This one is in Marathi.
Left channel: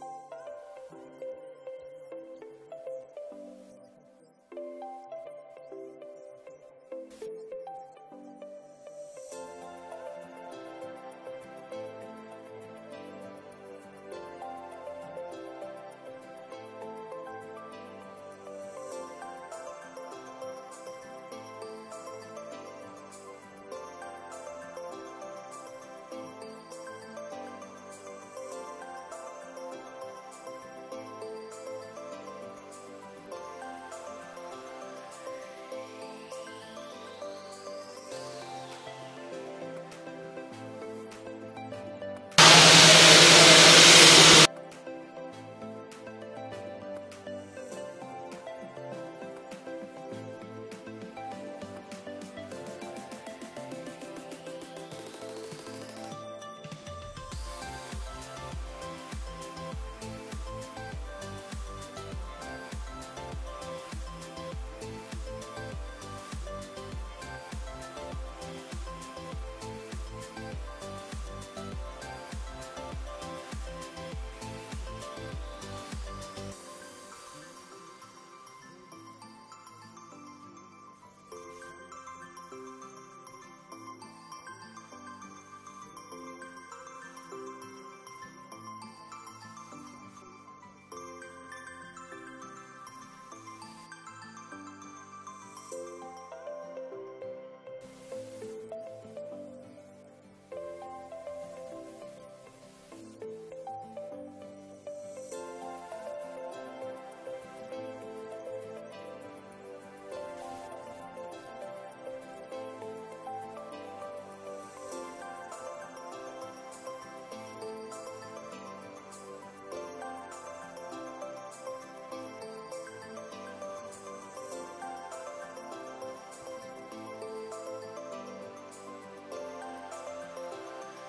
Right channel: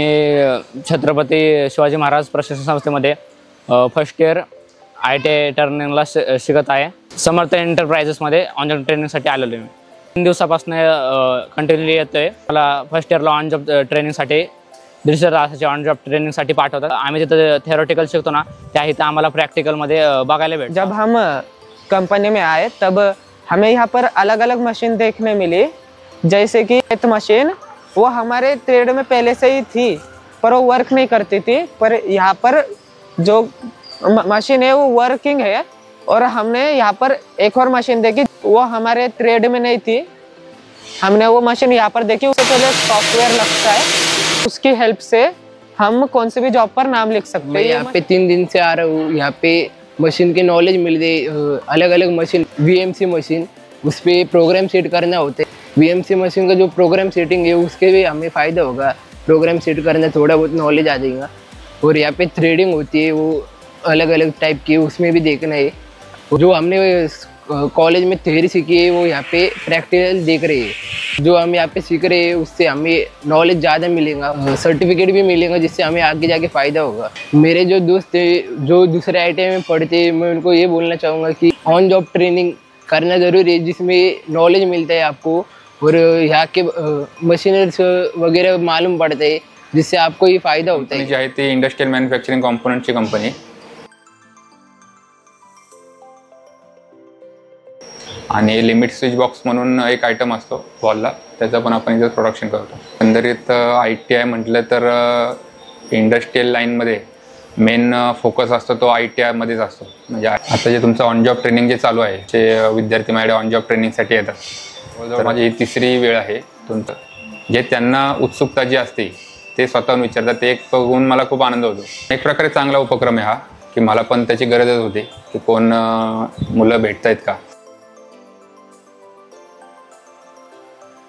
मी छत्रपती शिवाजी महाराज प्रशिक्षण संस्थेमध्ये फर्स्ट इयर ITI टर्निंगला शिकत आहे। समर्थ एंटरप्राइजेसमध्ये ऑन जॉब ट्रेनिंगसाठी आलेलो आहे। 3 दिवसापासून कंटिन्यूली येतोय। मला फर्स्ट इयरला ऑन जॉब ट्रेनिंगसाठी 150 तासाची ऑन जॉब ट्रेनिंगसाठी पाठवतात। आम्ही जिथे थियोरेटिकल शिकतो ना, त्या इथं आम्हाला प्रैक्टिकलमध्ये बघायला भेटतं। जब हम कंपनी में आए तब हमें यहाँ पर अलग अलग मशीन देखने मिली, जैसे कि एक मशीन वो हमारे ट्रेड में पहले से ही थी पर वो वर्क नहीं करती थी, पर यहाँ पर जो मशीन है वो वर्किंग है। और हमने यहाँ पर एक और मशीन देखी, वो हमारे ट्रेड में नहीं थी, हमने वो मशीन यहाँ पर देखी। उसके जो सॉफ्टवेयर लगता है उसकी हेल्प से हम कौन सी भी जॉब पर नाम लिख सकते हैं। मैं यहाँ पे 3 दिन से आ रहा हूँ। यहाँ पे मशीन की नॉलेज मिल गई। अलग अलग मशीन, VMC मशीन, उस पर प्रोग्राम सेट करना होते। VMC मशीन का जो प्रोग्राम सेटिंग है उसके भी हमें फ़ायदा होगा। प्रोग्राम सेट करना थोड़ा बहुत नॉलेज आ जाएगा। और यहाँ पे थ्रेडिंग होती है, वो अलग अलग टाइप की, उसमें भी देखना है। जो हमने कॉलेज में थ्योरी सीखी है वो यहाँ पे प्रैक्टिकल देख रहे हैं। जो हम यहाँ पे सीख रहे हैं उससे हमें नॉलेज ज़्यादा मिलेगा, सर्टिफिकेट भी मिलेगा, जिससे हमें आगे जाके फ़ायदा होगा। मेरे जो दोस्त हैं जो दूसरे ITI में पढ़ते हैं, मैं उनको ये बोलना चाहूँगा कि ऑन जॉब ट्रेनिंग करना ज़रूरी है, जिसमें नॉलेज मिलता है आपको और यहाँ के मशीनरीज वगैरह मालूम पड़ते हैं, जिससे आपको ये फ़ायदा होता है। जी आहे ती इंडस्ट्रियल मॅन्युफॅक्चरिंग कॉम्पोनंटची कंपनी। आणि लिमिट स्विच बॉक्स म्हणून एक आयटम असतो वॉलला, त्याचं पण आपण इथं प्रोडक्शन करतो। एकंदरीत ITI म्हटलं तर इंडस्ट्रियल लाईनमध्ये मेन फोकस असतो तो ITI मध्येच असतो। म्हणजे आता जे तुमचं ऑन जॉब ट्रेनिंग जे चालू आहे, जे विद्यार्थी माझ्याकडे ऑन जॉब ट्रेनिंगसाठी येतात, तर माझी ही 3री वेळ आहे तुमचं। जे त्यांना उत्सुकता जी असते ते स्वतःहून विचारतात, ते एक बघून मला खूप आनंद होतो। एक प्रकारे चांगला उपक्रम आहे हा, की मला पण त्याची गरजच होती की कोण मुलं भेटत आहेत का